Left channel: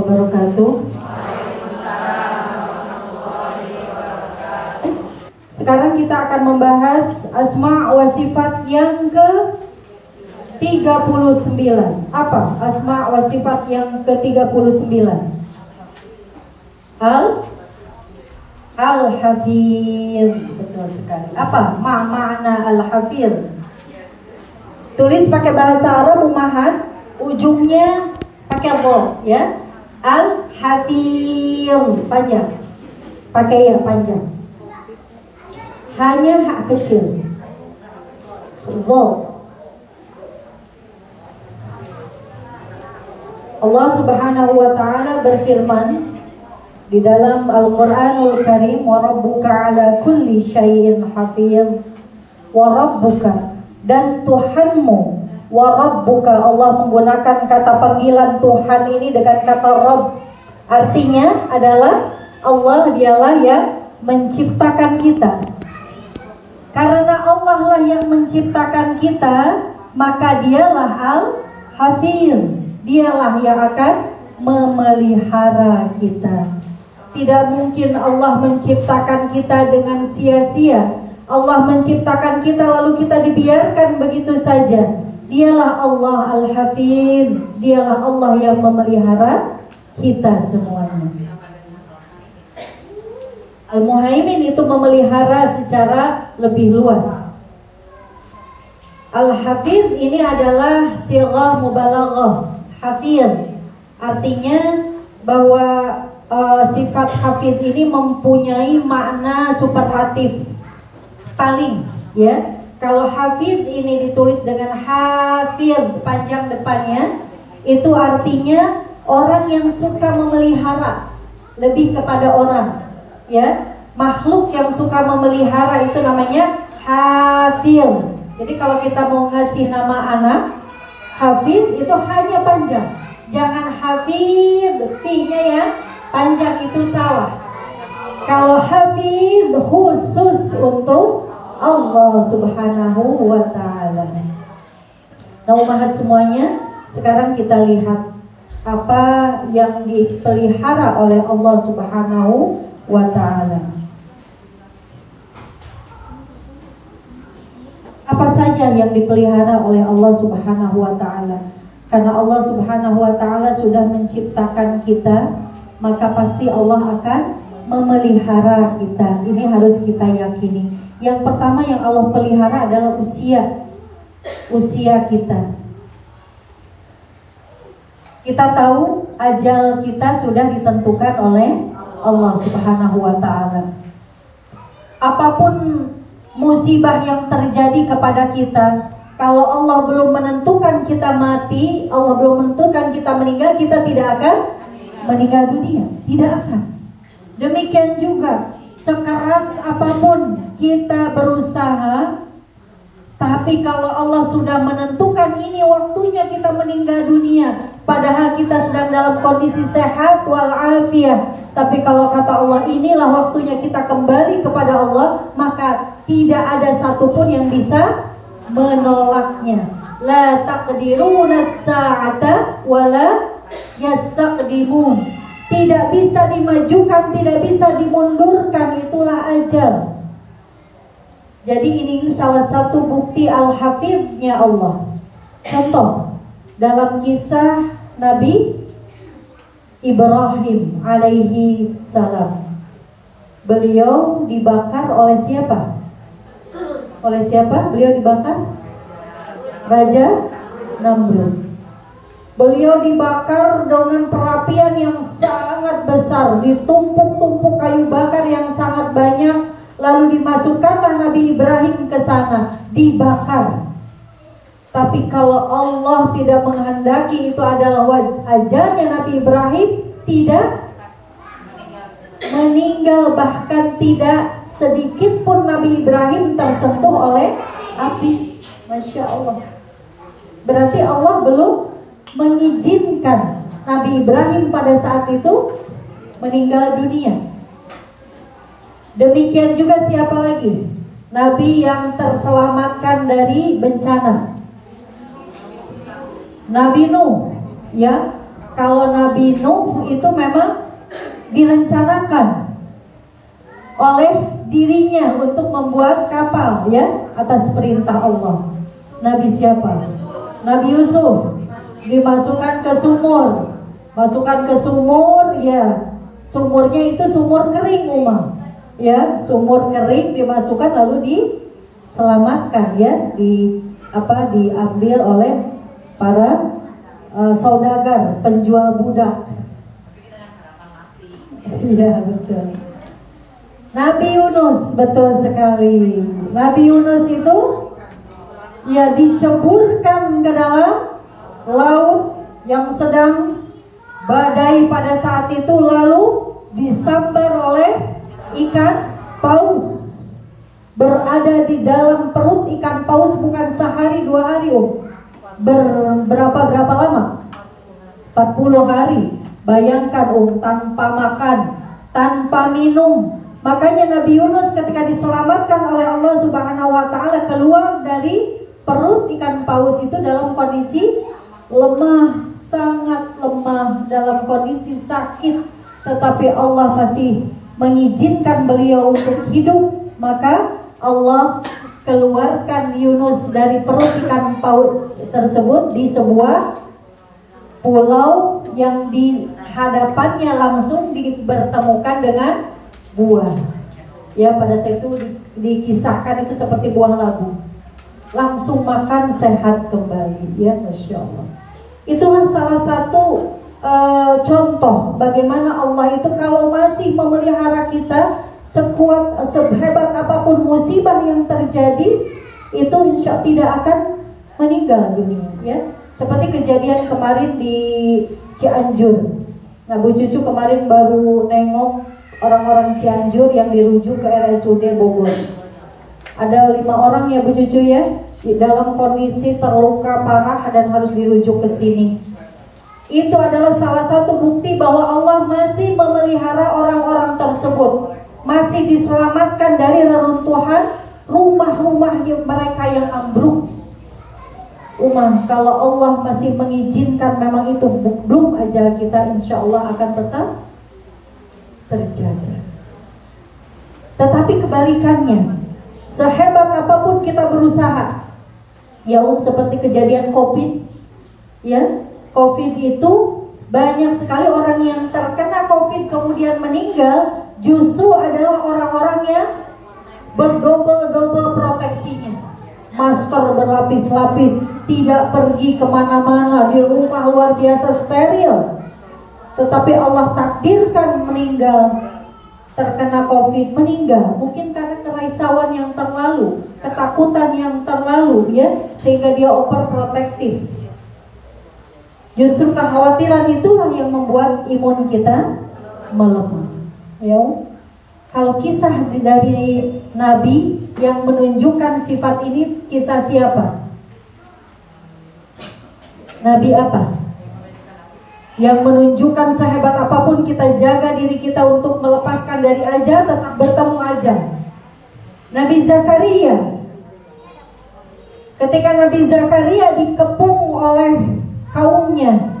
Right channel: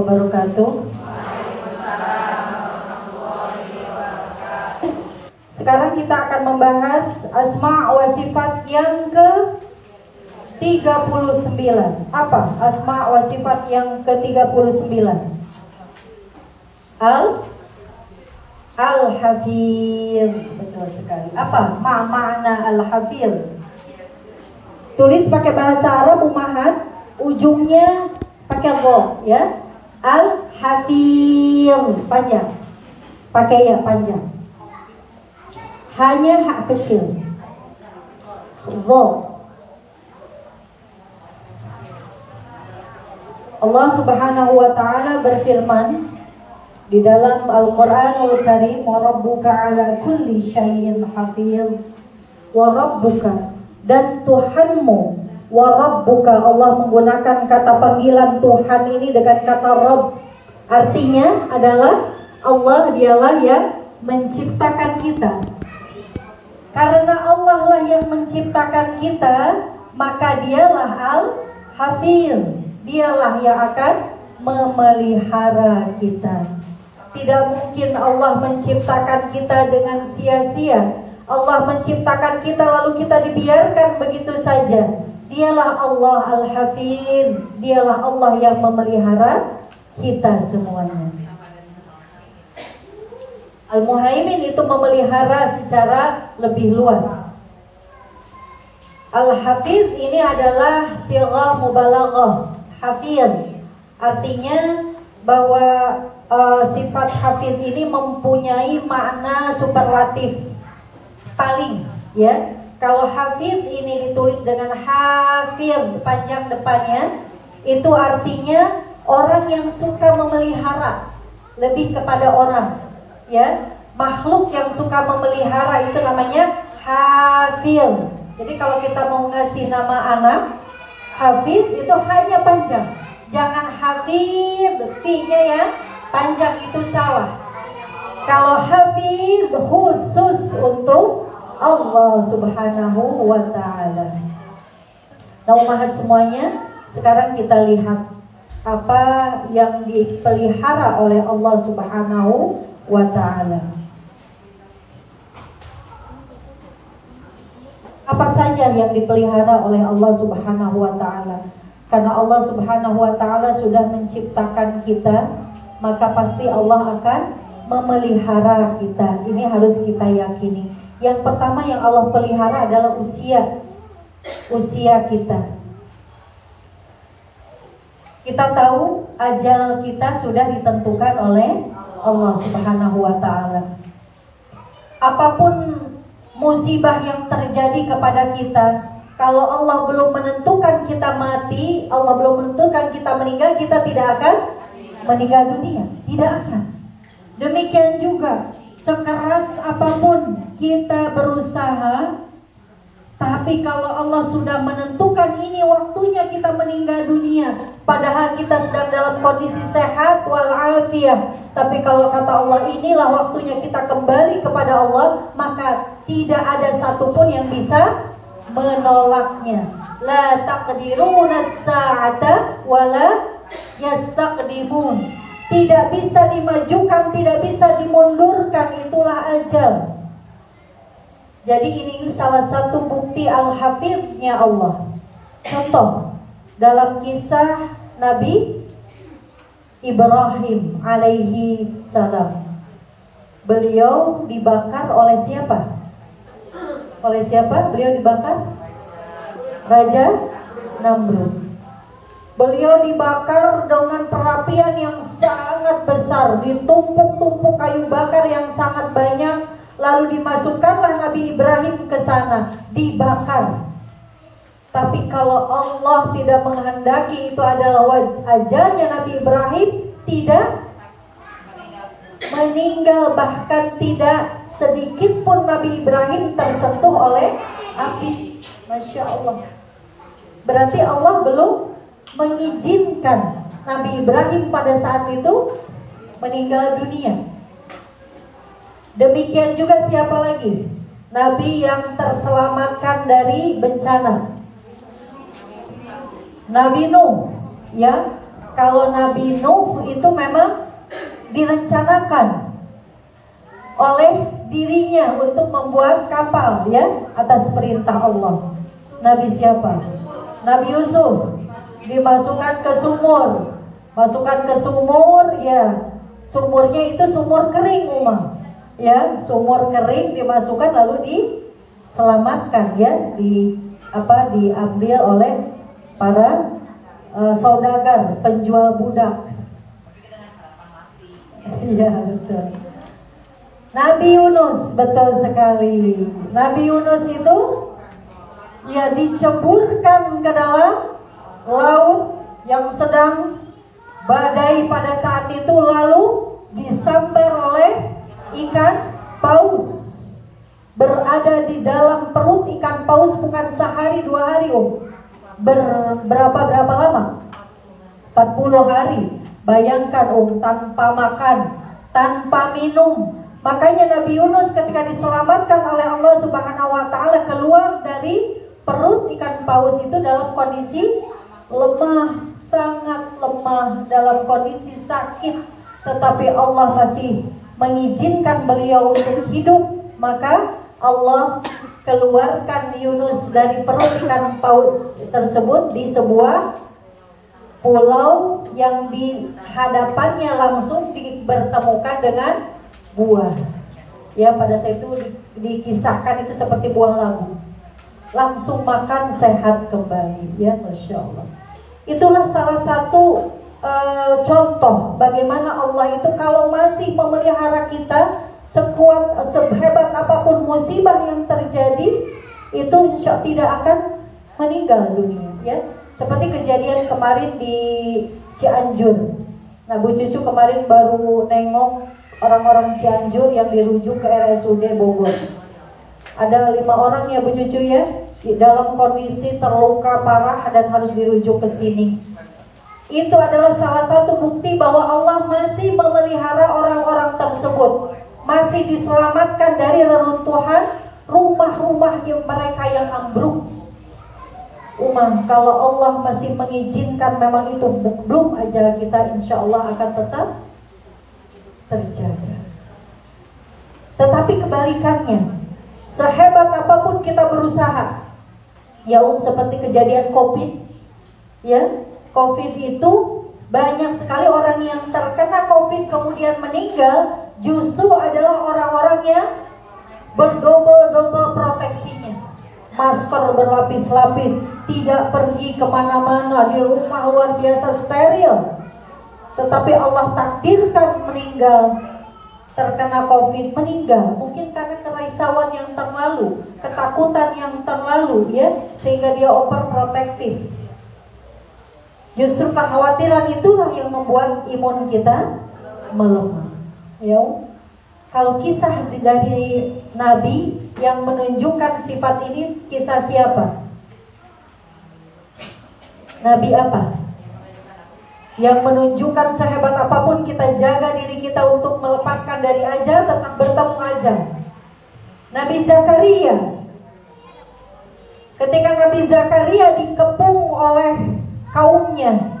wabarakatuh. Sekarang kita akan membahas asma wa sifat yang ke-39. Apa asma wa sifat yang ke-39? Al-Hafir. Betul sekali. Apa makna Al-Hafir? Tulis pakai bahasa Arab Ummahat, ujungnya pakai dha ya. Al-Hafir panjang. Pakai ya panjang. Hanya hak kecil. Dha. Allah Subhanahu wa taala berfirman di dalam Al-Qur'anul Karim, wa rabbuka ala kulli syai'in hafiz. Wa rabbuka, dan Tuhanmu. Wa rabbuka, Allah menggunakan kata panggilan Tuhan ini dengan kata Rabb. Artinya adalah Allah dialah yang menciptakan kita. Karena Allah lah yang menciptakan kita, maka dialah Al-Hafiz. Dialah yang akan memelihara kita. Tidak mungkin Allah menciptakan kita dengan sia-sia. Allah menciptakan kita lalu kita dibiarkan begitu saja. Dialah Allah Al-Hafiz. Dialah Allah yang memelihara kita semuanya. Al-Muhaimin itu memelihara secara lebih luas. Al-Hafiz ini adalah sighah mubalaghah. Hafiz artinya bahwa sifat hafiz ini mempunyai makna superlatif paling ya. Kalau hafiz ini ditulis dengan hafiz panjang depannya, itu artinya orang yang suka memelihara, lebih kepada orang ya. Makhluk yang suka memelihara itu namanya hafiz. Jadi kalau kita mau ngasih nama anak Hafiz, itu hanya panjang. Jangan Hafiz P-nya ya panjang, itu salah. Kalau Hafiz khusus untuk Allah Subhanahu wa ta'ala. Nah umat semuanya, sekarang kita lihat apa yang dipelihara oleh Allah Subhanahu wa ta'ala. Apa saja yang dipelihara oleh Allah Subhanahu wa ta'ala? Karena Allah Subhanahu wa ta'ala sudah menciptakan kita, maka pasti Allah akan memelihara kita. Ini harus kita yakini. Yang pertama yang Allah pelihara adalah usia kita. Kita tahu ajal kita sudah ditentukan oleh Allah Subhanahu wa ta'ala. Apapun musibah yang terjadi kepada kita, kalau Allah belum menentukan kita mati, Allah belum menentukan kita meninggal, kita tidak akan meninggal dunia, tidak akan. Demikian juga sekeras apapun kita berusaha, tapi kalau Allah sudah menentukan ini waktunya kita meninggal dunia, padahal kita sedang dalam kondisi sehat walafiat, tapi kalau kata Allah inilah waktunya kita kembali kepada Allah, maka tidak ada satupun yang bisa menolaknya. La taqdiruna as-sa'ata wala yastaqdimun. Tidak bisa dimajukan, tidak bisa dimundurkan, itulah ajal. Jadi ini salah satu bukti Al-Hafiznya Allah. Contoh dalam kisah Nabi Ibrahim alaihi salam. Beliau dibakar oleh siapa? Oleh siapa beliau dibakar? Raja Namrud. Beliau dibakar dengan perapian yang sangat besar, ditumpuk-tumpuk kayu bakar yang sangat banyak, lalu dimasukkanlah Nabi Ibrahim ke sana, dibakar. Tapi kalau Allah tidak menghendaki itu adalah ajalnya Nabi Ibrahim, tidak meninggal, bahkan tidak sedikit pun Nabi Ibrahim tersentuh oleh api. Masya Allah. Berarti Allah belum mengizinkan Nabi Ibrahim pada saat itu meninggal dunia. Demikian juga siapa lagi? Nabi yang terselamatkan dari bencana, Nabi Nuh ya. Kalau Nabi Nuh itu memang direncanakan oleh dirinya untuk membuat kapal ya, atas perintah Allah. Nabi siapa? Nabi Yusuf dimasukkan ke sumur. Masukkan ke sumur ya. Sumurnya itu sumur kering Umar. Ya, sumur kering dimasukkan lalu diselamatkan ya, diambil oleh para saudagar, penjual budak. Iya betul. Nabi Yunus, betul sekali. Nabi Yunus itu ya diceburkan ke dalam laut yang sedang badai pada saat itu, lalu disambar oleh ikan paus. Berada di dalam perut ikan paus bukan sehari 2 hari berapa lama? 40 hari. Bayangkan tanpa makan, tanpa minum. Makanya Nabi Yunus ketika diselamatkan oleh Allah Subhanahu wa taala keluar dari perut ikan paus itu dalam kondisi lemah, sangat lemah, dalam kondisi sakit, tetapi Allah masih mengizinkan beliau untuk hidup. Maka Allah keluarkan Yunus dari perut ikan paus tersebut di sebuah pulau yang di hadapannya langsung dipertemukan dengan buah. Ya, pada saat itu dikisahkan itu seperti buah labu. Langsung makan sehat kembali. Ya, Masya Allah. Itulah salah satu contoh bagaimana Allah itu kalau masih memelihara kita, sehebat apapun musibah yang terjadi, itu insya Allah tidak akan meninggal dunia. Ya, seperti kejadian kemarin di Cianjur. Nah, Bu Cucu kemarin baru nengok orang-orang Cianjur yang dirujuk ke RSUD Bogor. Ada 5 orang ya Bu Cucu ya, dalam kondisi terluka parah dan harus dirujuk ke sini. Itu adalah salah satu bukti bahwa Allah masih memelihara orang-orang tersebut, masih diselamatkan dari reruntuhan rumah-rumah mereka yang ambruk. Kalau Allah masih mengizinkan, memang itu belum ajal kita, insya Allah akan tetap terjaga. Tetapi kebalikannya, sehebat apapun kita berusaha, ya seperti kejadian COVID, ya COVID itu banyak sekali orang yang terkena COVID kemudian meninggal, justru adalah orang-orang yang berdobel-dobel proteksinya, masker berlapis-lapis, tidak pergi kemana-mana, di rumah luar biasa steril. Tetapi Allah takdirkan meninggal, terkena COVID, meninggal. Mungkin karena kerisauan yang terlalu, ketakutan yang terlalu, ya, sehingga dia overprotective. Justru kekhawatiran itulah yang membuat imun kita melemah. Ya, kalau kisah dari Nabi yang menunjukkan sifat ini, kisah siapa? Nabi apa? Yang menunjukkan sehebat apapun kita jaga diri kita untuk melepaskan dari ajal, tetap bertemu ajal. Nabi Zakaria. Ketika Nabi Zakaria dikepung oleh kaumnya,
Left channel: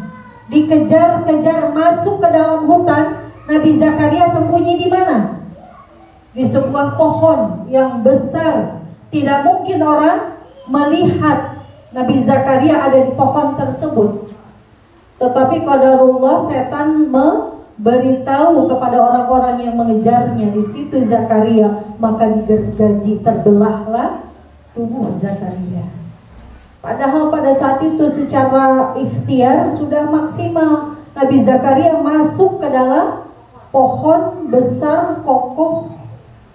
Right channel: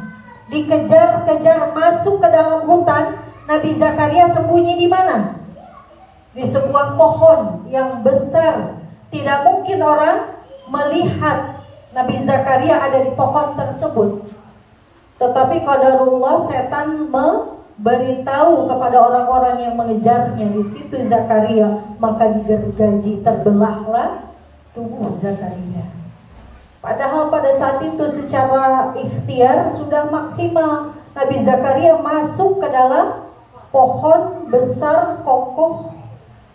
dikejar-kejar masuk ke dalam hutan, Nabi Zakaria sembunyi di mana? Di sebuah pohon yang besar. Tidak mungkin orang melihat Nabi Zakaria ada di pohon tersebut. Tetapi qadarullah, setan memberitahu kepada orang-orang yang mengejarnya, di situ Zakaria, maka digergaji, terbelahlah tubuh Zakaria. Padahal pada saat itu secara ikhtiar sudah maksimal. Nabi Zakaria masuk ke dalam pohon besar kokoh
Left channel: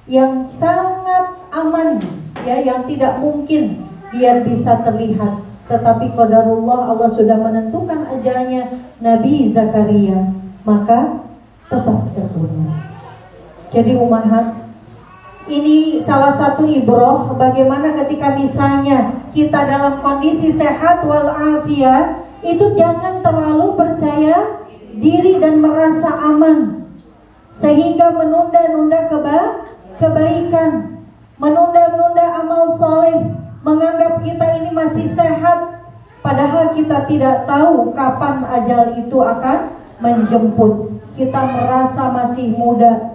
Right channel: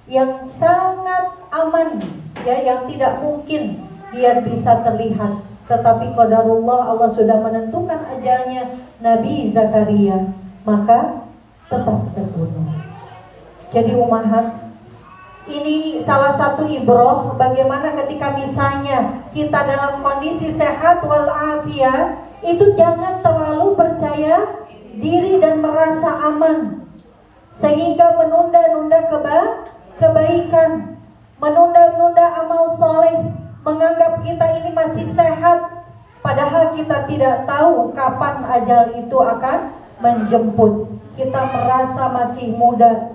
yang sangat aman, ya, yang tidak mungkin dia bisa terlihat. Tetapi qadarullah, Allah sudah menentukan ajalnya Nabi Zakaria, maka tetap terbunuh. Jadi umahat, ini salah satu ibrah bagaimana ketika misalnya kita dalam kondisi sehat walafiat, itu jangan terlalu percaya diri dan merasa aman sehingga menunda-nunda kebaikan, menunda-nunda amal soleh, menganggap kita ini masih sehat, Padahal kita tidak tahu kapan ajal itu akan menjemput. Kita merasa masih muda.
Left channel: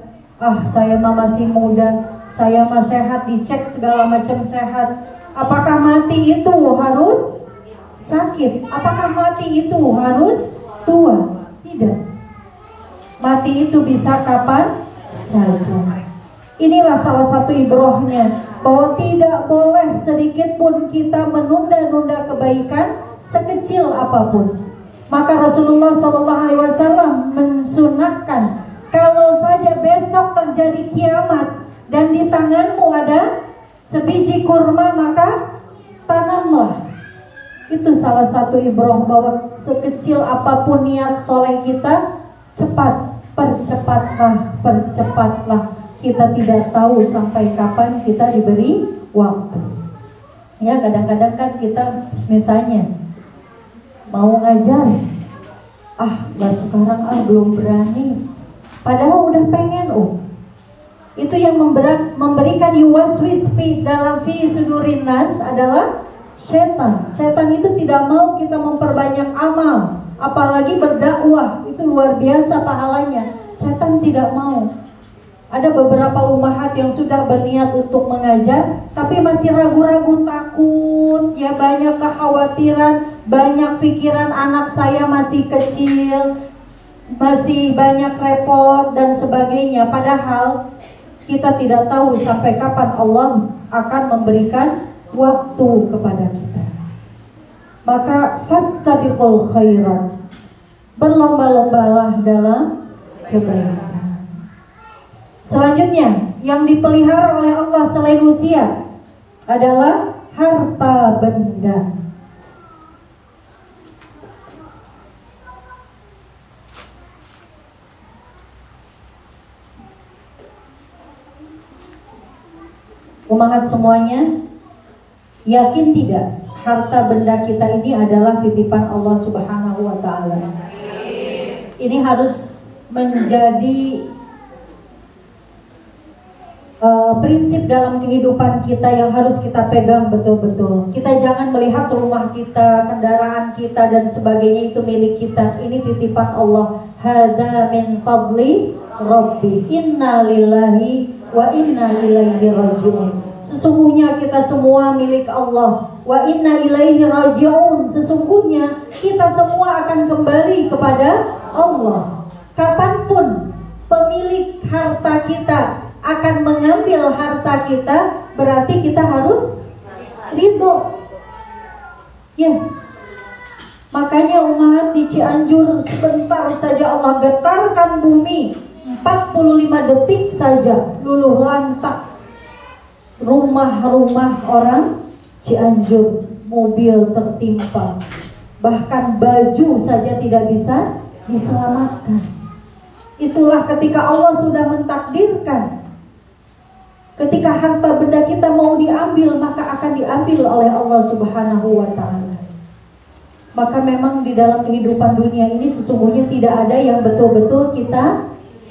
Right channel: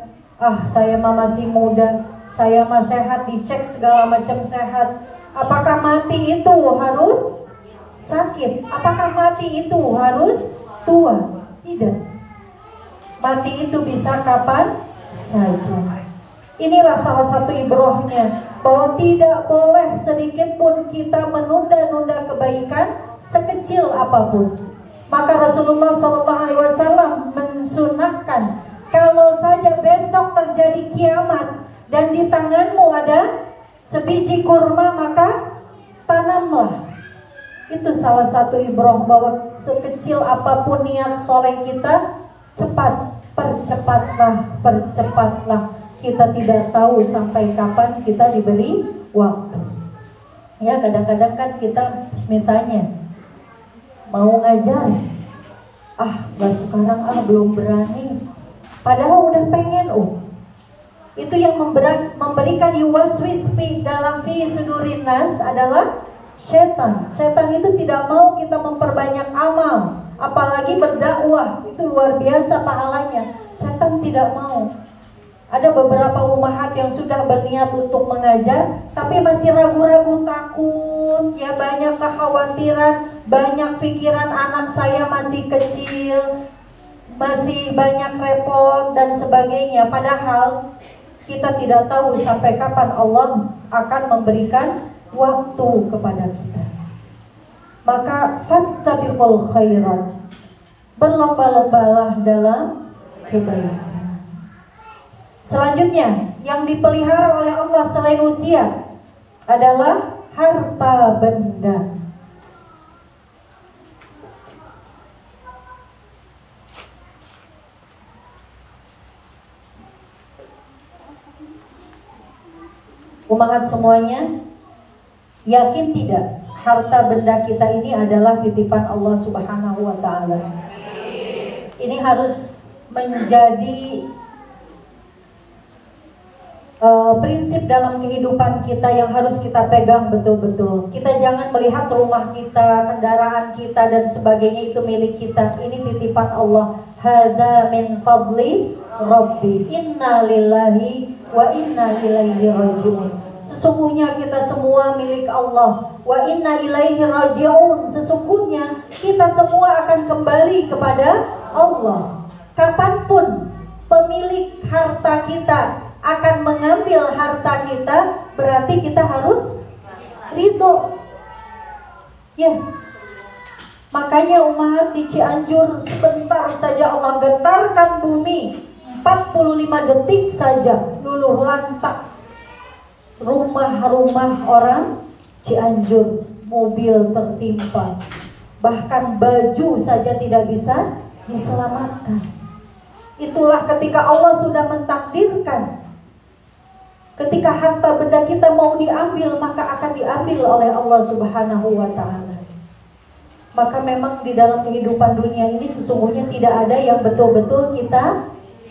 Saya masih muda, saya sehat, dicek segala macam sehat. Apakah mati itu harus sakit? Apakah mati itu harus tua? Tidak. Mati itu bisa kapan saja. Inilah salah satu ibrahnya, bahwa tidak boleh sedikit pun kita menunda-nunda kebaikan sekecil apapun. Maka Rasulullah SAW mensunahkan, kalau saja besok terjadi kiamat dan di tanganmu ada sebiji kurma, maka tanamlah. Itu salah satu ibrah, bahwa sekecil apapun niat soleh kita, percepatlah. Kita tidak tahu sampai kapan kita diberi waktu. Ya, kadang-kadang kan kita misalnya mau ngajar, nggak sekarang, belum berani. Padahal udah pengen. Itu yang memberikan yuwaswis dalam fi sudurin nas adalah setan. Setan itu tidak mau kita memperbanyak amal, apalagi berdakwah. Itu luar biasa pahalanya. Setan tidak mau. Ada beberapa umahat yang sudah berniat untuk mengajar, tapi masih ragu-ragu, takut, ya, banyak kekhawatiran, banyak pikiran, anak saya masih kecil, masih banyak repot dan sebagainya. Padahal kita tidak tahu sampai kapan Allah akan memberikan waktu kepada kita. Maka fastabiqul khairat, berlomba-lombalah dalam kebaikan. Selanjutnya, yang dipelihara oleh Allah selain usia adalah harta benda. Umahat semuanya, yakin tidak harta benda kita ini adalah titipan Allah Subhanahu wa Ta'ala? Ini harus menjadi prinsip dalam kehidupan kita yang harus kita pegang betul-betul. Kita jangan melihat rumah kita, kendaraan kita dan sebagainya itu milik kita. Ini titipan Allah. Hadza min fadli Rabbi. Inna lillahi wa inna ilaihi raji'un. Sesungguhnya kita semua milik Allah. Wa inna ilaihi raji'un. Sesungguhnya kita semua akan kembali kepada Allah. Kapanpun pemilik harta kita akan mengambil harta kita, berarti kita harus ridho. Ya, makanya umat di Cianjur sebentar saja Allah getarkan bumi, 45 detik saja luluh lantak rumah-rumah orang Cianjur, mobil tertimpa, bahkan baju saja tidak bisa diselamatkan. Itulah ketika Allah sudah mentakdirkan, ketika harta benda kita mau diambil, maka akan diambil oleh Allah Subhanahu wa Ta'ala. Maka memang di dalam kehidupan dunia ini sesungguhnya tidak ada yang betul-betul kita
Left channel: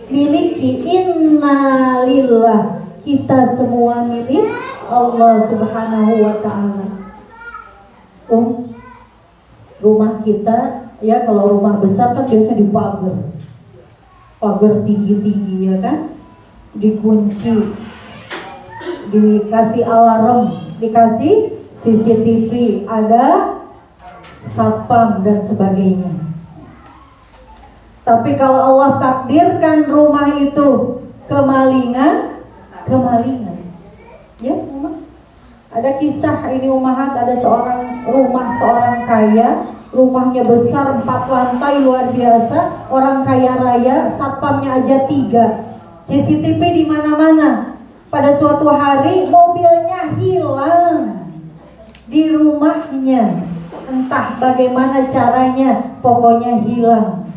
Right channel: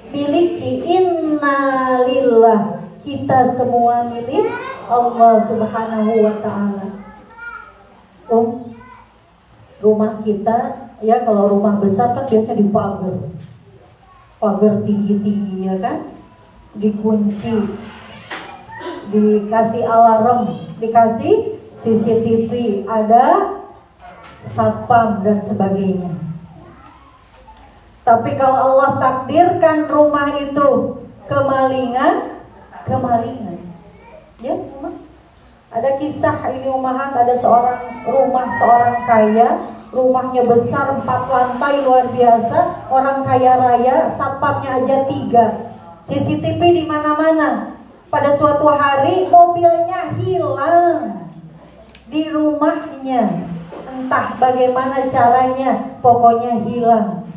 miliki. Inna lillah, kita semua milik Allah Subhanahu wa Ta'ala. Rumah kita, ya, kalau rumah besar kan biasa dipagar, pagar tinggi-tinggi, ya kan, dikunci, dikasih alarm, dikasih CCTV, ada satpam dan sebagainya. Tapi kalau Allah takdirkan rumah itu kemalingan, ya, ada kisah ini umahat, ada seorang kaya, rumahnya besar 4 lantai luar biasa, orang kaya raya, satpamnya aja 3, CCTV di mana-mana. Pada suatu hari mobilnya hilang di rumahnya, entah bagaimana caranya, pokoknya hilang.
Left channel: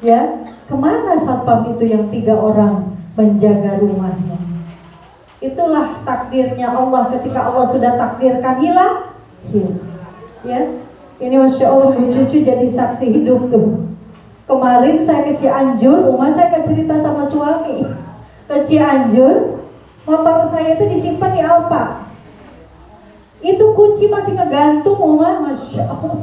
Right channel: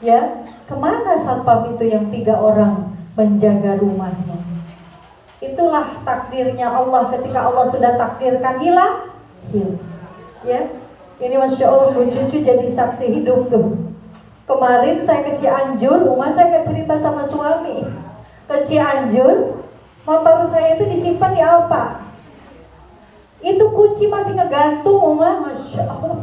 Ya, kemana satpam itu yang 3 orang menjaga rumahnya? Itulah takdirnya Allah. Ketika Allah sudah takdirkan hilang. Ya, ini Masya Allah, Bu Cucu jadi saksi hidup tuh. Kemarin saya ke Cianjur, saya cerita sama suami ke Cianjur. Motor saya itu disimpan di Alfa. Itu kunci masih ngegantung, Oma. Masya Allah.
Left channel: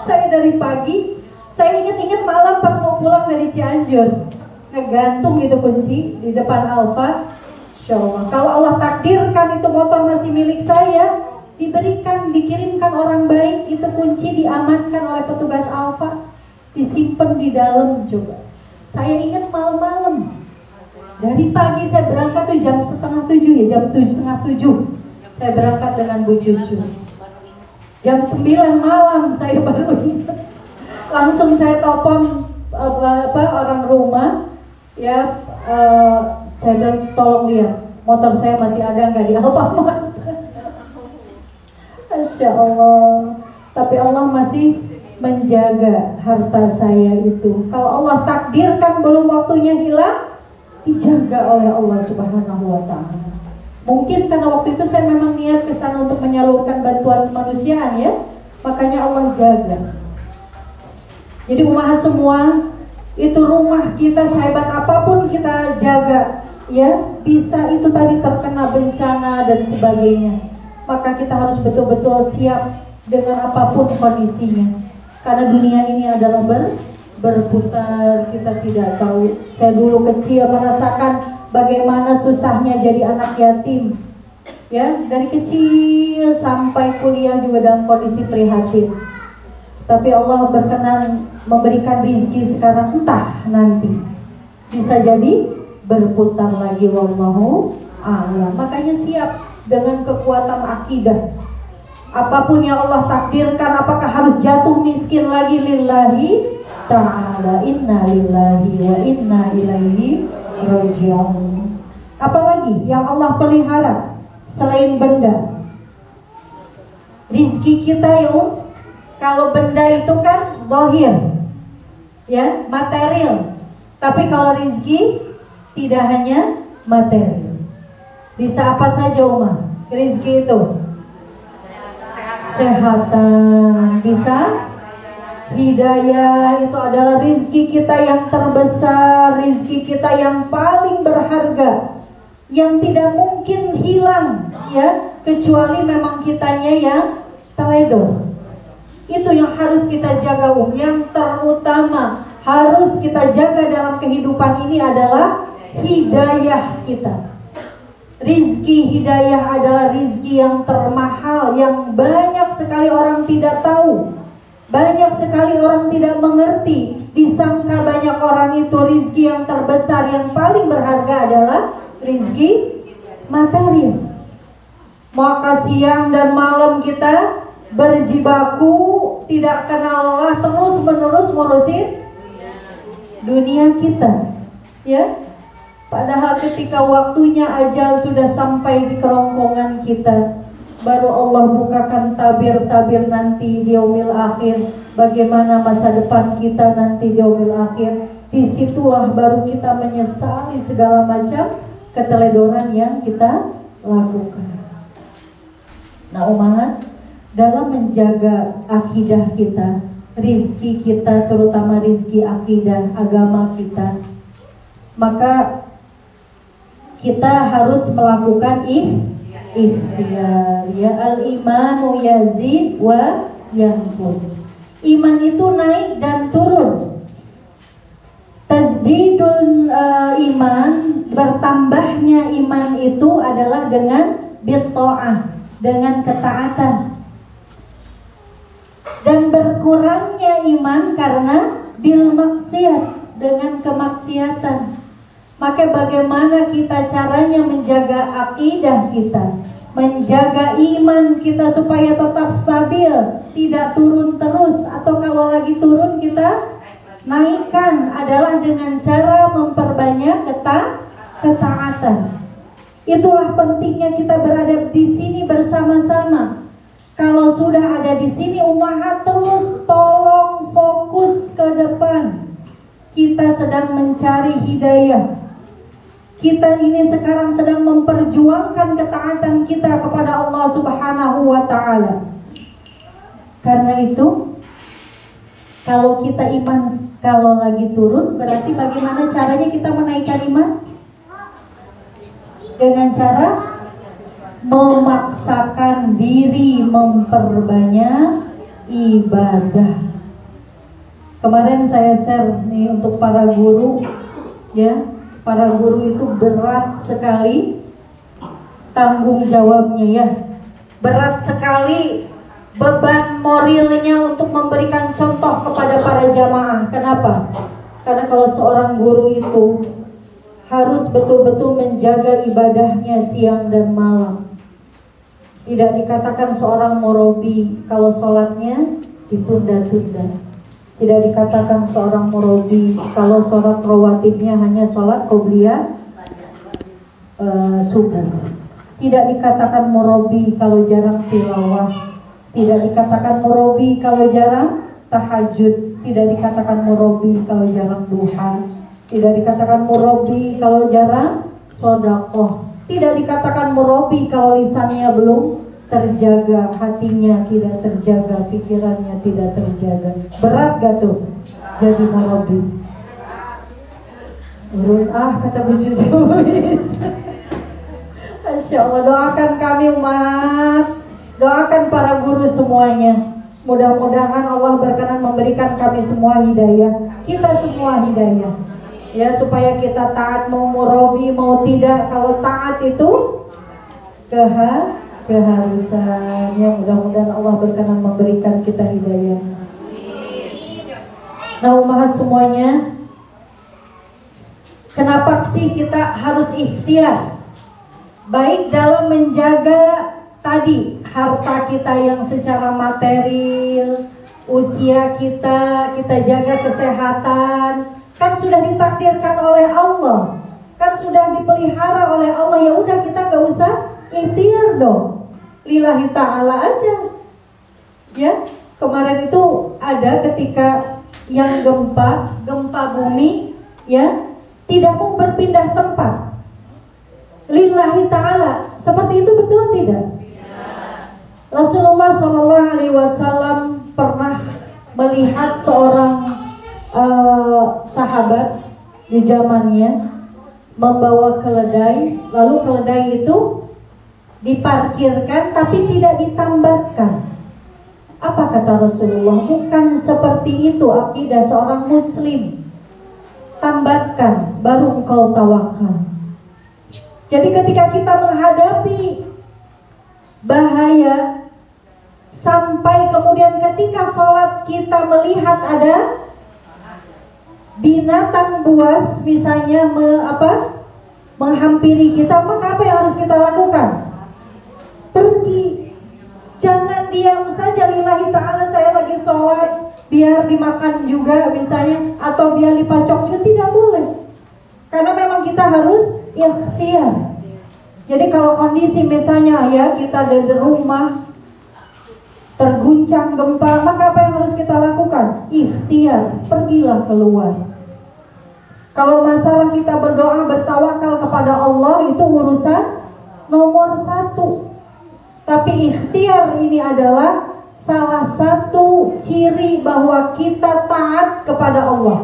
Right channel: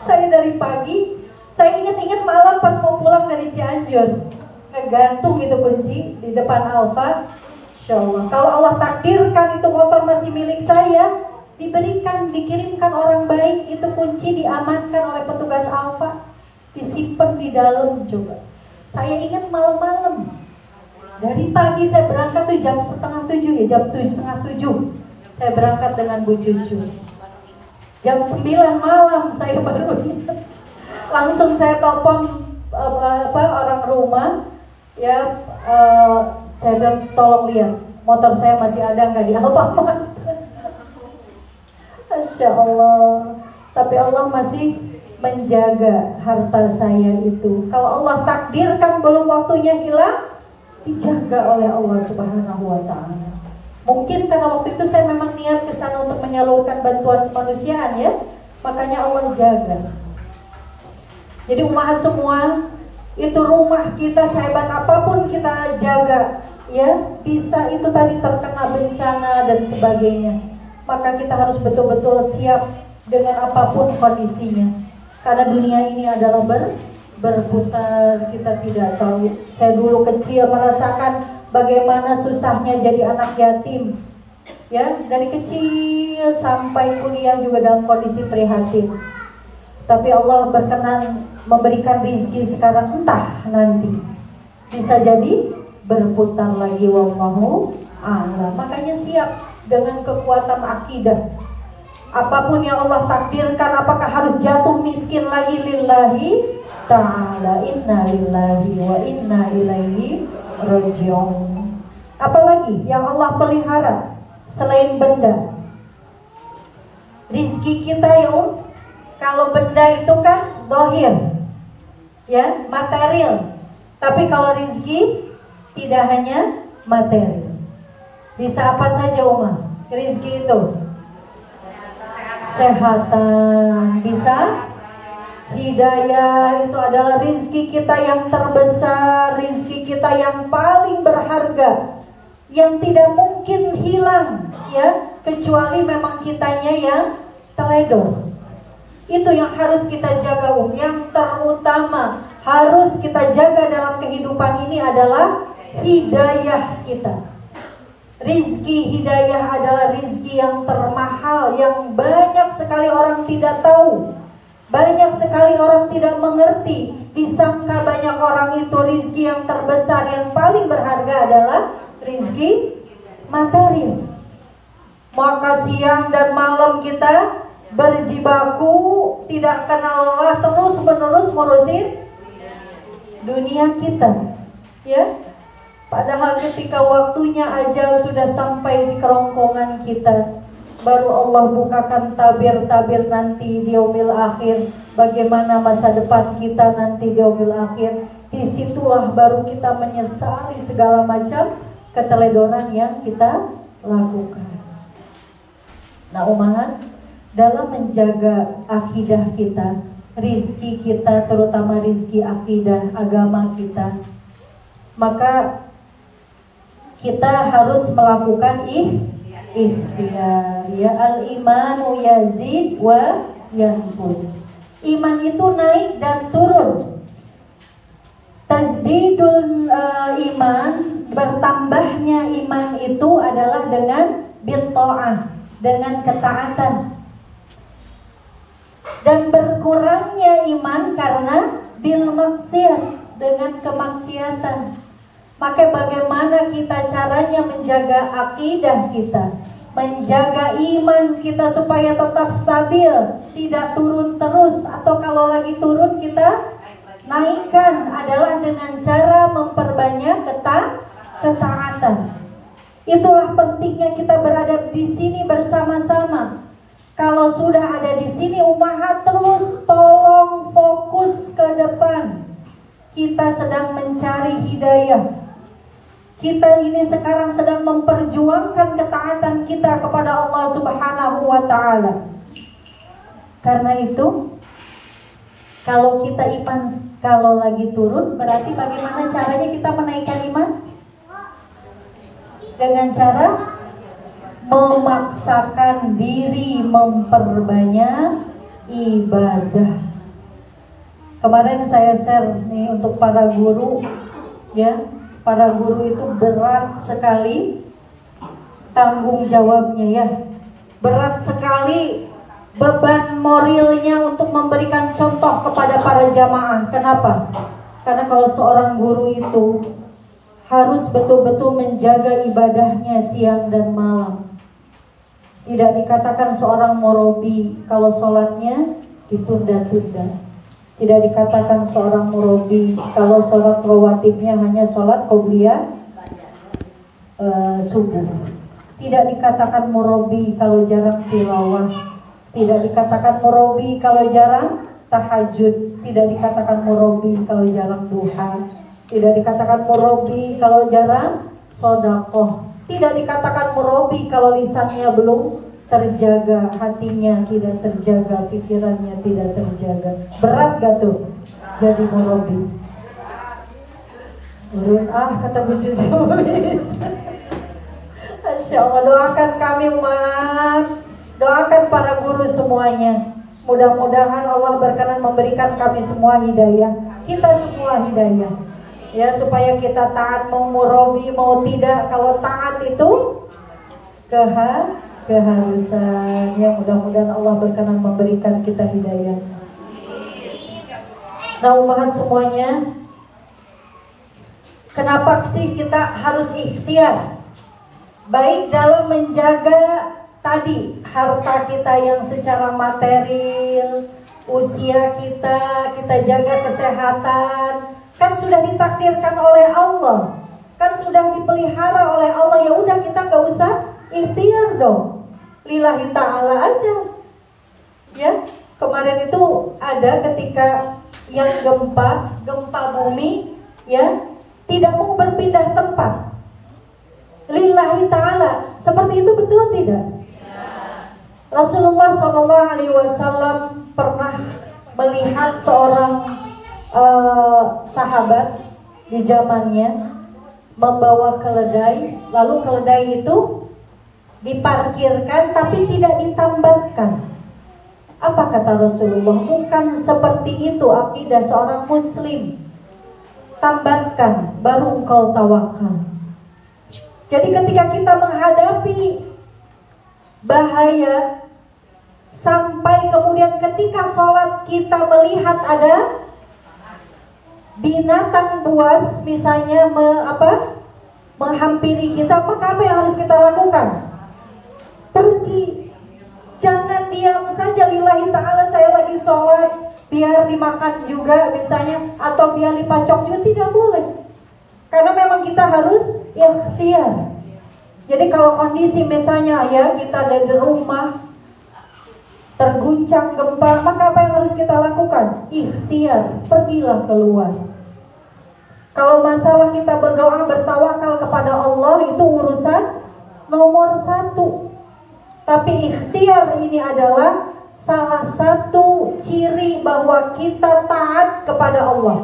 Saya dari pagi, saya ingat-ingat malam pas mau pulang dari Cianjur, ngegantung itu kunci di depan Alfa. Masya Allah. Kalau Allah takdirkan itu motor masih milik saya, diberikan, dikirimkan orang baik, itu kunci diamankan oleh petugas Alfa, disimpan di dalam. Coba, saya ingat malam-malam, dari pagi saya berangkat tuh jam 6:30 ya, jam 6:30 saya berangkat dengan Bu Cucu. Jam 9 malam saya baru ingat. Langsung saya telepon orang rumah, ya, saya bilang tolong lihat motor saya masih ada nggak di Alfamart. Masya Allah. Tapi Allah masih menjaga harta saya itu. Kalau Allah takdirkan belum waktunya hilang, dijaga oleh Allah Subhanahu wa Ta'ala. Mungkin karena waktu itu saya memang niat ke sana untuk menyalurkan bantuan kemanusiaan, ya, makanya Allah jaga. Jadi umat semua, itu rumah kita sehebat apapun kita jaga, ya, bisa itu tadi terkena bencana dan sebagainya, maka kita harus betul-betul siap dengan apapun kondisinya. Karena dunia ini adalah berputar, kita tidak tahu. Saya dulu kecil merasakan bagaimana susahnya jadi anak yatim, ya, dari kecil sampai kuliah juga dalam kondisi prihatin. Tapi Allah berkenan memberikan rizki sekarang, entah nanti bisa jadi berputar lagi, wallahu a'lam. Makanya siap dengan kekuatan akidah. Apapun yang Allah takdirkan, apakah harus jatuh miskin lagi, lillahi ta'ala, inna lillahi wa inna ilaihi raji'un. Apalagi yang Allah pelihara selain benda? Rizki kita, ya. Kalau benda itu kan zahir, ya, material. Tapi kalau rizki tidak hanya materi. Bisa apa saja, Uma? Rizki itu kesehatan, bisa hidayah, itu adalah rizki kita yang terbesar, rizki kita yang paling berharga, yang tidak mungkin hilang, ya, kecuali memang kitanya yang teledor. Itu yang harus kita jaga, yang terutama harus kita jaga dalam kehidupan ini adalah hidayah kita. Rizki hidayah adalah rizki yang termahal, yang banyak sekali orang tidak tahu, banyak sekali orang tidak mengerti. Disangka banyak orang itu rizki yang terbesar, yang paling berharga adalah rizki materi. Maka siang dan malam kita berjibaku, tidak kenal lelah, terus menerus ngurusin dunia kita, ya. Padahal ketika waktunya ajal sudah sampai di kerongkongan kita, baru Allah bukakan tabir-tabir nanti di yaumil akhir, bagaimana masa depan kita nanti di yaumil akhir. Disitulah baru kita menyesali segala macam keteledoran yang kita lakukan. Nah, umat, dalam menjaga akidah kita, rizki kita, terutama rizki akidah agama kita, maka kita harus melakukan ikhtiar, ya. Al-imanu yazid wa yanqus. Iman itu naik dan turun. Tajdidul iman, bertambahnya iman itu adalah dengan bitta'ah, dengan ketaatan. Dan berkurangnya iman karena bil maksiat, dengan kemaksiatan. Maka bagaimana kita caranya menjaga akidah kita, menjaga iman kita supaya tetap stabil, tidak turun terus, atau kalau lagi turun kita naikkan, adalah dengan cara memperbanyak ketaatan. Itulah pentingnya kita berada di sini bersama-sama. Kalau sudah ada di sini, umat terus tolong fokus ke depan. Kita sedang mencari hidayah. Kita ini sekarang sedang memperjuangkan ketaatan kita kepada Allah Subhanahu wa Ta'ala. Karena itu, kalau kita iman kalau lagi turun, berarti bagaimana caranya kita menaikkan iman? Dengan cara memaksakan diri memperbanyak ibadah. Kemarin saya share nih untuk para guru, ya, para guru itu berat sekali tanggung jawabnya, ya, berat sekali beban moralnya untuk memberikan contoh kepada para jamaah. Kenapa? Karena kalau seorang guru itu harus betul-betul menjaga ibadahnya siang dan malam. Tidak dikatakan seorang murabi kalau sholatnya ditunda-tunda. Tidak dikatakan seorang murabi kalau sholat rawatibnya hanya sholat qobliyah subuh. Tidak dikatakan murabi kalau jarang tilawah. Tidak dikatakan murabi kalau jarang tahajud. Tidak dikatakan murabi kalau jarang duha. Tidak dikatakan murabi kalau jarang sodakoh. Tidak dikatakan murabi kalau lisannya belum terjaga, hatinya tidak terjaga, pikirannya tidak terjaga. Berat gak tuh jadi murabi? Urun kata Bu Cucu. Masya Allah, doakan kami umat, doakan para guru semuanya. Mudah-mudahan Allah berkenan memberikan kami semua hidayah, kita semua hidayah, ya, supaya kita taat, mau murabi mau tidak. Kalau taat itu keharusan, ya, mudah-mudahan Allah berkenan memberikan kita hidayah. Nah umat semuanya, kenapa sih kita harus ikhtiar? Baik dalam menjaga tadi harta kita yang secara material, usia kita jaga kesehatan, kan sudah ditakdirkan oleh Allah, kan sudah dipelihara oleh Allah. Ya udah, kita gak usah ikhtiar dong, lillahi ta'ala aja. Ya, kemarin itu ada ketika yang gempa bumi, ya, tidak mau berpindah tempat, lillahi ta'ala. Seperti itu betul tidak? Rasulullah SAW pernah melihat seorang sahabat di zamannya membawa keledai, lalu keledai itu diparkirkan tapi tidak ditambatkan. Apa kata Rasulullah? Bukan seperti itu akidah seorang muslim. Tambatkan baru engkau tawakal. Jadi ketika kita menghadapi bahaya, sampai kemudian ketika sholat kita melihat ada binatang buas misalnya menghampiri kita, maka apa yang harus kita lakukan? Pergi. Jangan diam saja, lillahi ta'ala saya lagi sholat, biar dimakan juga misalnya, atau biar dipacok juga, tidak boleh. Karena memang kita harus ikhtiar. Jadi kalau kondisi misalnya, ya, kita dari rumah terguncang gempa, maka apa yang harus kita lakukan? Ikhtiar, pergilah keluar. Kalau masalah kita berdoa, bertawakal kepada Allah, itu urusan nomor 1. Tapi ikhtiar ini adalah salah satu ciri bahwa kita taat kepada Allah.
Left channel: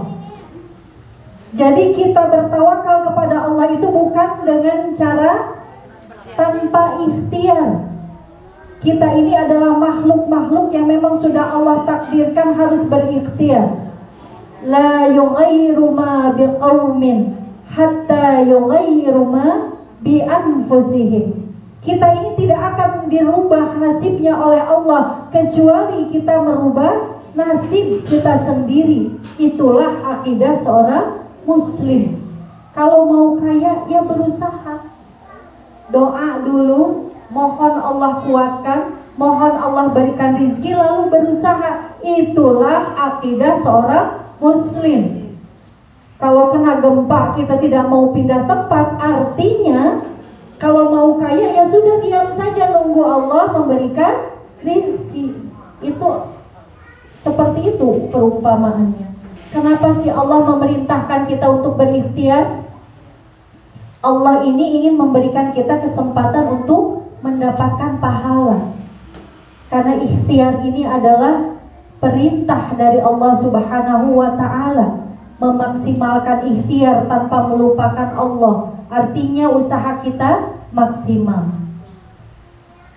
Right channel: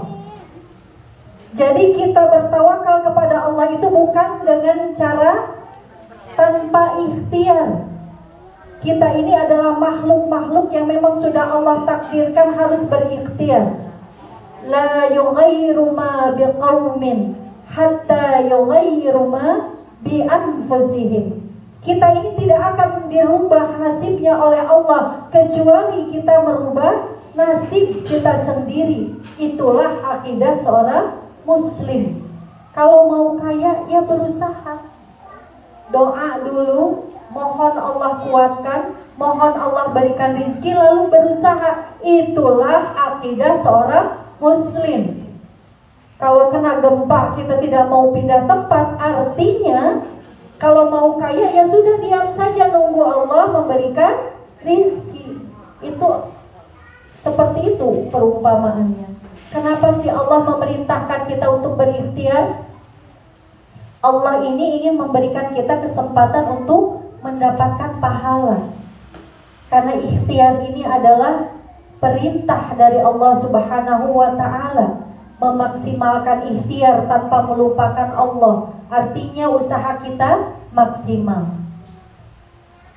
Jadi kita bertawakal kepada Allah itu bukan dengan cara tanpa ikhtiar. Kita ini adalah makhluk-makhluk yang memang sudah Allah takdirkan harus berikhtiar. La yughayyiru ma biqaumin hatta yughayyiru ma bi anfusihim. Kita ini tidak akan dirubah nasibnya oleh Allah kecuali kita merubah nasib kita sendiri. Itulah akidah seorang muslim. Kalau mau kaya, ya berusaha. Doa dulu, mohon Allah kuatkan, mohon Allah berikan rizki, lalu berusaha. Itulah akidah seorang muslim. Kalau kena gempa kita tidak mau pindah tempat, artinya kalau mau kaya ya sudah diam saja, nunggu Allah memberikan rizki. Itu seperti itu perumpamaannya. Kenapa sih Allah memerintahkan kita untuk berikhtiar? Allah ini ingin memberikan kita kesempatan untuk mendapatkan pahala. Karena ikhtiar ini adalah perintah dari Allah Subhanahu wa ta'ala. Memaksimalkan ikhtiar tanpa melupakan Allah, artinya usaha kita maksimal.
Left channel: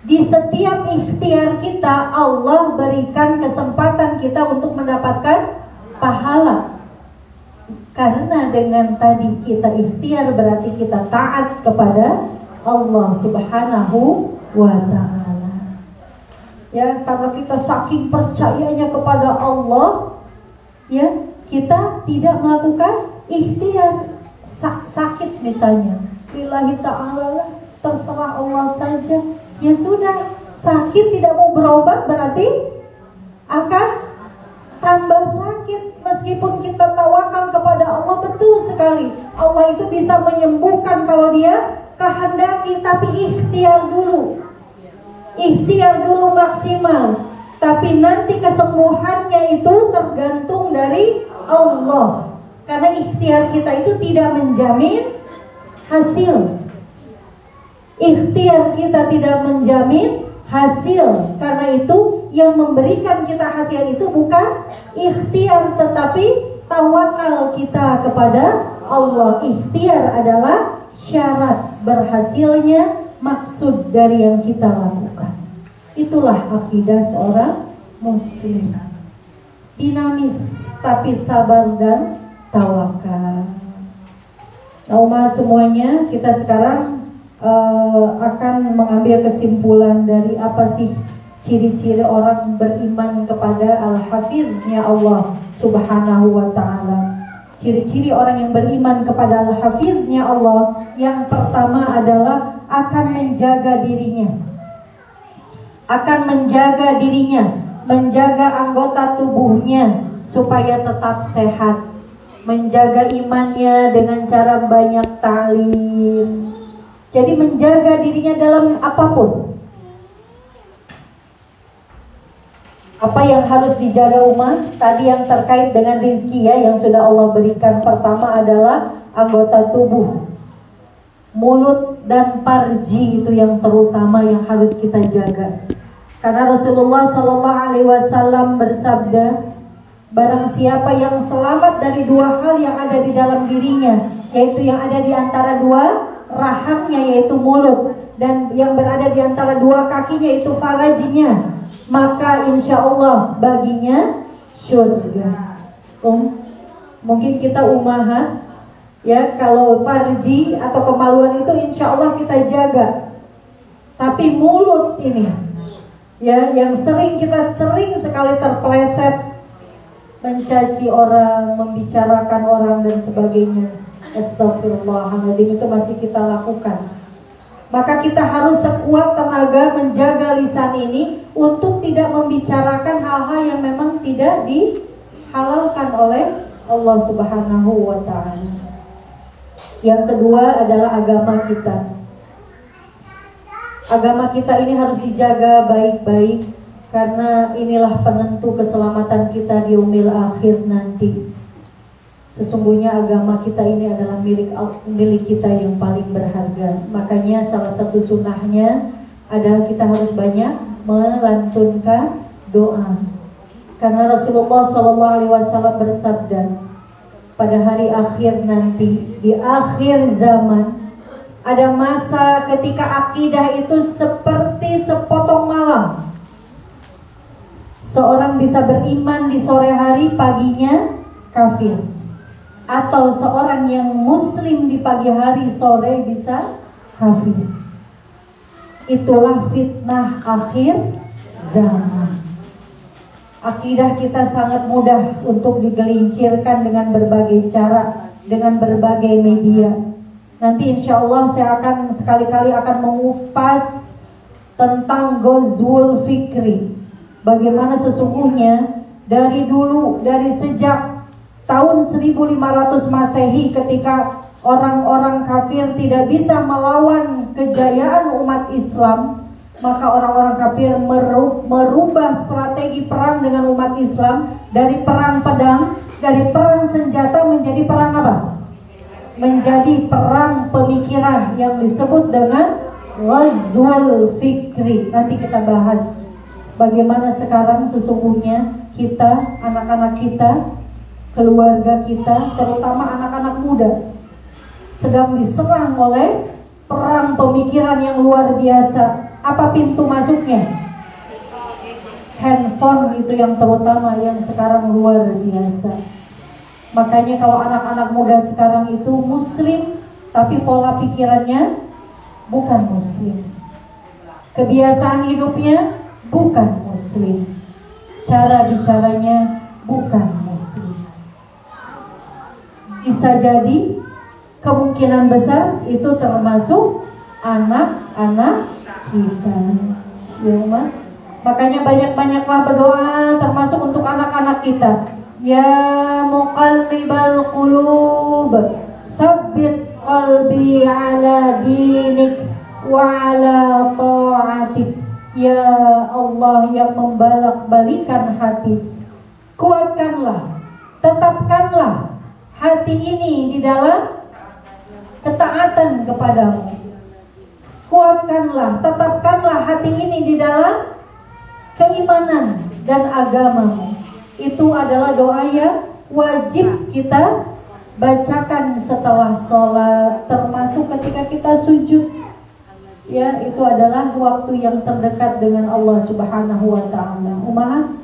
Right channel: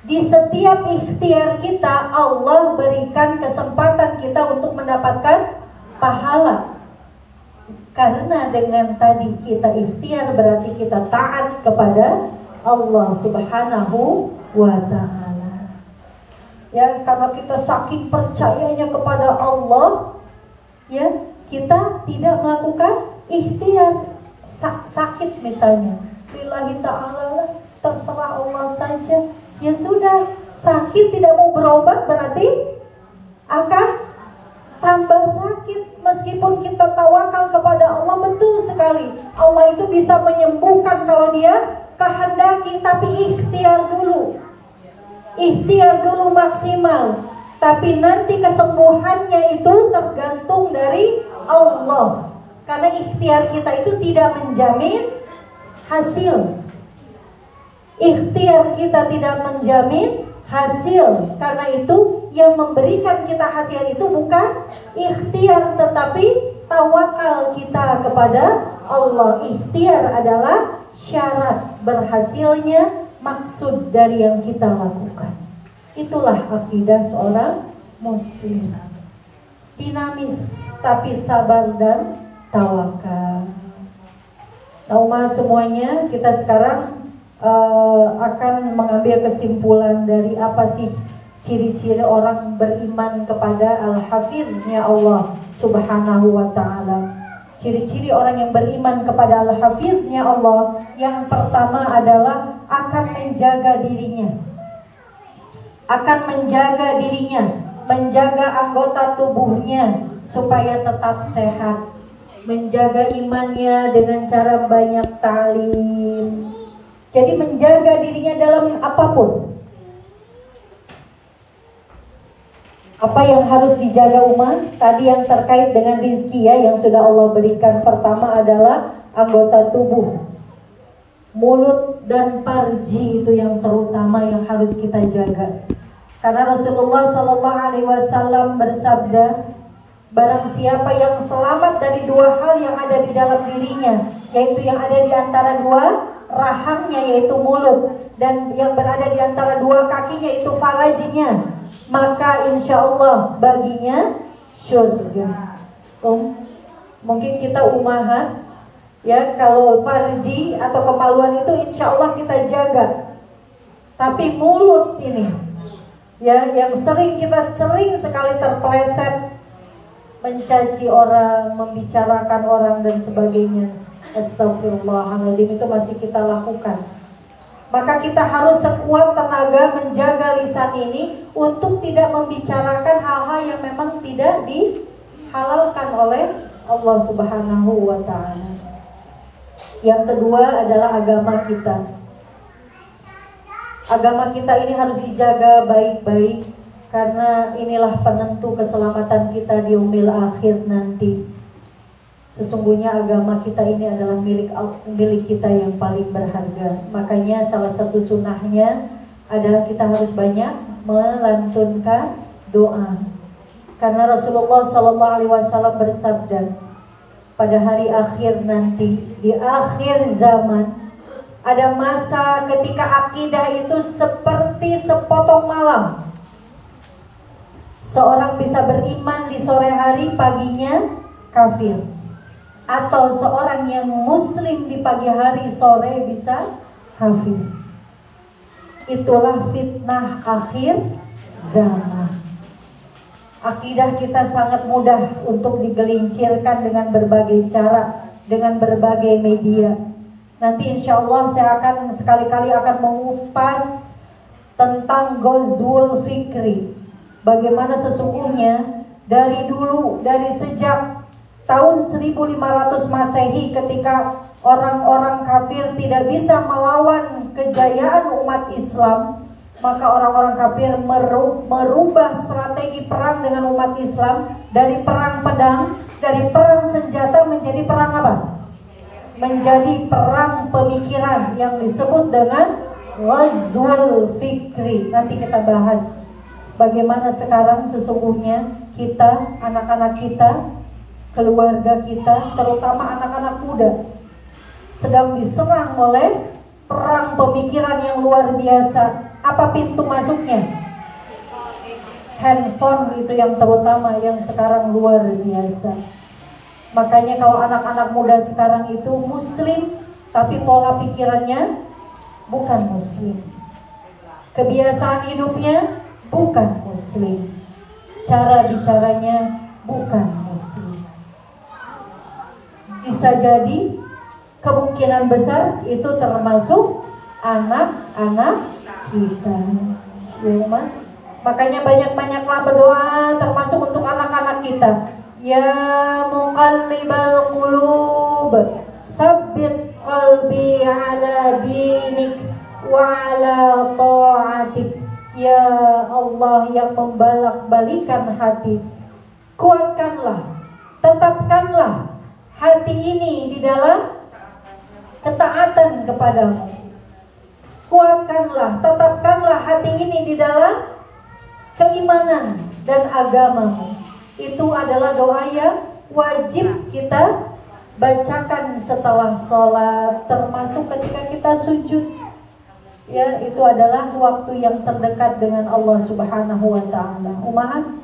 Di setiap ikhtiar kita Allah berikan kesempatan kita untuk mendapatkan pahala. Karena dengan tadi kita ikhtiar berarti kita taat kepada Allah Subhanahu wa ta'ala. Ya, karena kita saking percayanya kepada Allah, ya, kita tidak melakukan ikhtiar. Sakit misalnya, lillahi ta'ala, terserah Allah saja. Ya sudah, sakit tidak mau berobat berarti akan tambah sakit. Meskipun kita tawakal kepada Allah, betul sekali Allah itu bisa menyembuhkan kalau Dia kehendaki, tapi ikhtiar dulu. Ikhtiar dulu maksimal. Tapi nanti kesembuhannya itu tergantung dari Allah. Karena ikhtiar kita itu tidak menjamin hasil. Ikhtiar kita tidak menjamin hasil. Karena itu yang memberikan kita hasil itu bukan ikhtiar, tetapi tawakal kita kepada Allah. Ikhtiar adalah syarat berhasilnya maksud dari yang kita lakukan. Itulah akidah seorang muslim. Dinamis tapi sabar dan tawakal. Nah, umat semuanya, kita sekarang akan mengambil kesimpulan dari apa sih ciri-ciri orang beriman kepada Al-Hafidhnya Allah Subhanahu wa ta'ala. Ciri-ciri orang yang beriman kepada Al-Hafidhnya Allah, yang pertama adalah akan menjaga dirinya. Akan menjaga dirinya, menjaga anggota tubuhnya supaya tetap sehat. Menjaga imannya dengan cara banyak ta'lim. Jadi menjaga dirinya dalam apapun. Apa yang harus dijaga umat? Tadi yang terkait dengan rezeki ya, yang sudah Allah berikan. Pertama adalah anggota tubuh, mulut dan farji, itu yang terutama yang harus kita jaga. Karena Rasulullah SAW bersabda, barang siapa yang selamat dari dua hal yang ada di dalam dirinya, yaitu yang ada di antara dua rahangnya yaitu mulut, dan yang berada di antara dua kakinya yaitu farajinya, maka insya Allah baginya surga. Mungkin kita umahat ya, kalau farji atau kemaluan itu insya Allah kita jaga. Tapi mulut ini ya, yang kita sering sekali terpeleset mencaci orang, membicarakan orang dan sebagainya. Astagfirullahaladzim, itu masih kita lakukan. Maka kita harus sekuat tenaga menjaga lisan ini untuk tidak membicarakan hal-hal yang memang tidak dihalalkan oleh Allah Subhanahu wa ta'ala. Yang kedua adalah agama kita. Agama kita ini harus dijaga baik-baik, karena inilah penentu keselamatan kita di yaumil akhir nanti. Sesungguhnya agama kita ini adalah milik kita yang paling berharga. Makanya salah satu sunnahnya adalah kita harus banyak melantunkan doa. Karena Rasulullah SAW bersabda, pada hari akhir nanti, di akhir zaman, ada masa ketika akidah itu seperti sepotong malam. Seorang bisa beriman di sore hari, paginya kafir. Atau seorang yang muslim di pagi hari, sore bisa kafir. Itulah fitnah akhir zaman. Akidah kita sangat mudah untuk digelincirkan dengan berbagai cara, dengan berbagai media. Nanti insya Allah saya akan sekali-kali akan mengupas tentang Ghazwul Fikri. Bagaimana sesungguhnya dari dulu, dari sejak tahun 1500 Masehi, ketika orang-orang kafir tidak bisa melawan kejayaan umat Islam, maka orang-orang kafir merubah strategi perang dengan umat Islam dari perang pedang, dari perang senjata menjadi perang apa? Menjadi perang pemikiran yang disebut dengan Ghazwul Fikri. Nanti kita bahas bagaimana sekarang sesungguhnya kita, anak-anak kita, keluarga kita, terutama anak-anak muda, sedang diserang oleh perang pemikiran yang luar biasa. Apa pintu masuknya? Handphone itu yang terutama, yang sekarang luar biasa. Makanya kalau anak-anak muda sekarang itu muslim, tapi pola pikirannya bukan muslim. Kebiasaan hidupnya bukan muslim. Cara bicaranya bukan muslim. Bisa jadi kemungkinan besar itu termasuk anak-anak kita. Ya, makanya banyak-banyaklah berdoa termasuk untuk anak-anak kita. Ya muqallibal qulub, tsabbit qalbi ala dinik wa ala ta'atik. Ya Allah yang membalak-balikan hati, kuatkanlah, tetapkanlah hati ini di dalam ketaatan kepadamu. Kuatkanlah, tetapkanlah hati ini di dalam keimanan dan agamamu. Itu adalah doa yang wajib kita bacakan setelah sholat, termasuk ketika kita sujud. Ya, itu adalah waktu yang terdekat dengan Allah Subhanahu wa ta'ala. Umat,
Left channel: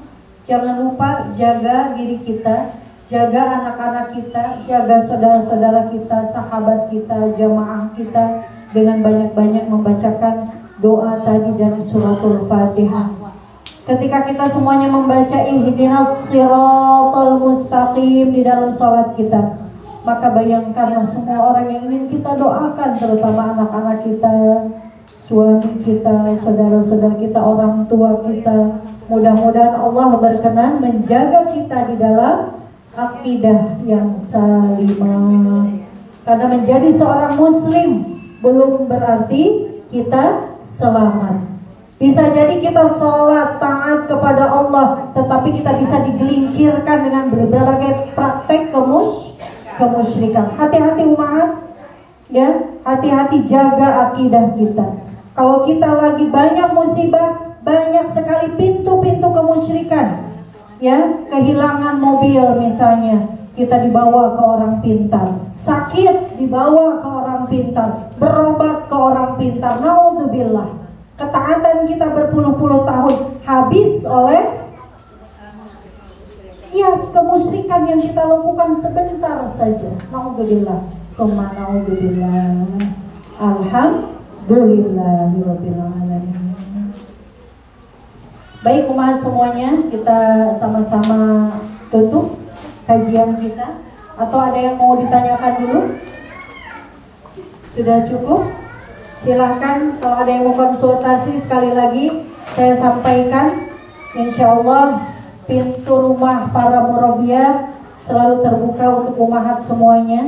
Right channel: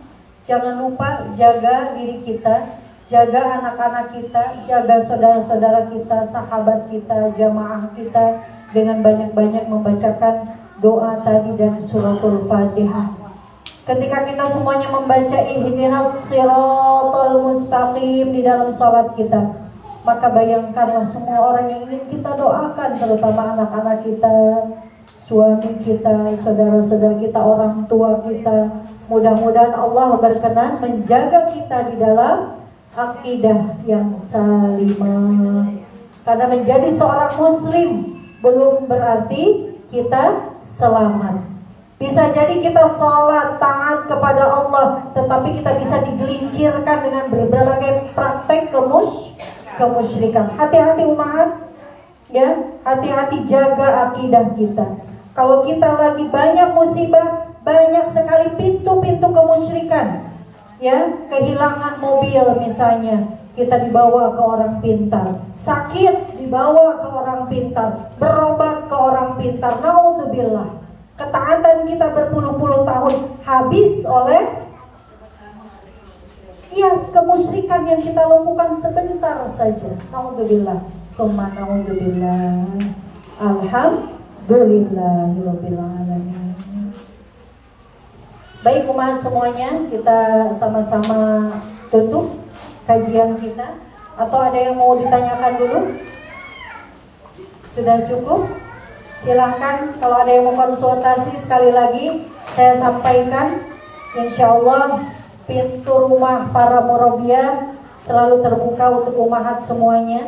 jangan lupa jaga diri kita, jaga anak-anak kita, jaga saudara-saudara kita, sahabat kita, jamaah kita, dengan banyak-banyak membacakan doa tadi dan suratul Fatihah. Ketika kita semuanya membaca ihdinas siratal mustaqim di dalam sholat kita, maka bayangkanlah semua orang yang ingin kita doakan, terutama anak-anak kita, suami kita, saudara-saudara kita, orang tua kita. Mudah-mudahan Allah berkenan menjaga kita di dalam akidah yang salimah. Karena menjadi seorang muslim belum berarti kita selamat. Bisa jadi kita sholat taat kepada Allah, tetapi kita bisa digelincirkan dengan berbagai praktek kemusyrikan. Hati-hati umat, ya, hati-hati jaga akidah kita. Kalau kita lagi banyak musibah, banyak sekali pintu-pintu kemusyrikan, ya, kehilangan mobil misalnya, kita dibawa ke orang pintar, sakit dibawa ke orang pintar, berobat ke orang pintar. Naudzubillah, ketaatan kita berpuluh-puluh tahun habis oleh ya kemusyrikan yang kita lakukan sebentar saja. Naudzubillah, tsumma naudzubillah. Alhamdulillahirabbil alamin. Baik umat semuanya, kita sama-sama tutup kajian kita. Atau ada yang mau ditanyakan dulu? Sudah cukup? Silahkan, kalau ada yang mau konsultasi sekali lagi saya sampaikan, insya Allah pintu rumah para murabbiyah selalu terbuka untuk umahat semuanya.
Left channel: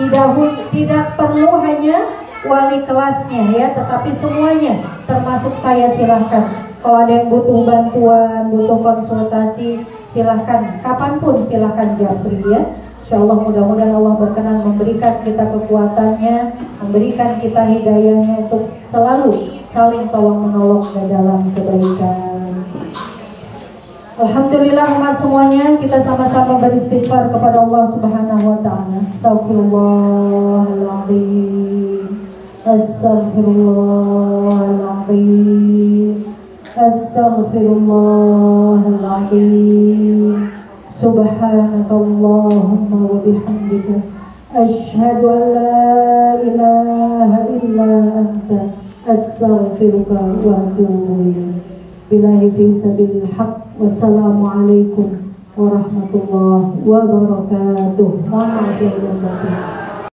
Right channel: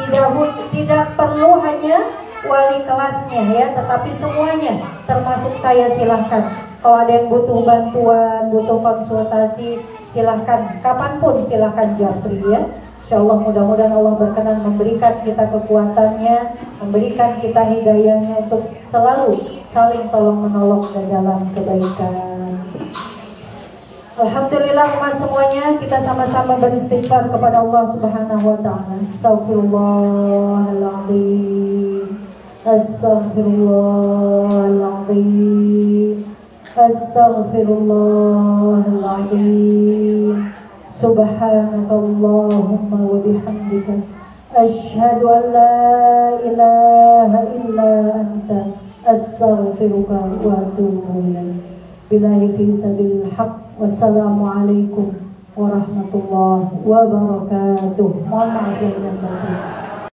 Tidak perlu hanya wali kelasnya ya, tetapi semuanya termasuk saya. Silahkan, kalau ada yang butuh bantuan, butuh konsultasi, silahkan kapanpun silahkan japri ya. Insya Allah mudah-mudahan Allah berkenan memberikan kita kekuatannya, memberikan kita hidayahnya untuk selalu saling tolong menolong dalam kebaikan. Alhamdulillah umat semuanya, kita sama-sama beristighfar kepada Allah Subhanahu wa ta'ala. Astaghfirullahaladzim, Astaghfirullahaladzim, Astaghfirullahaladzim. Subhanakallahumma wa bihamdika asyhadu an la ilaha illa anta astaghfiruka wa atubu ilaik. Billahi fi sabilil haq. Wassalamualaikum warahmatullahi wabarakatuh. Mohon maaf lahir dan batin.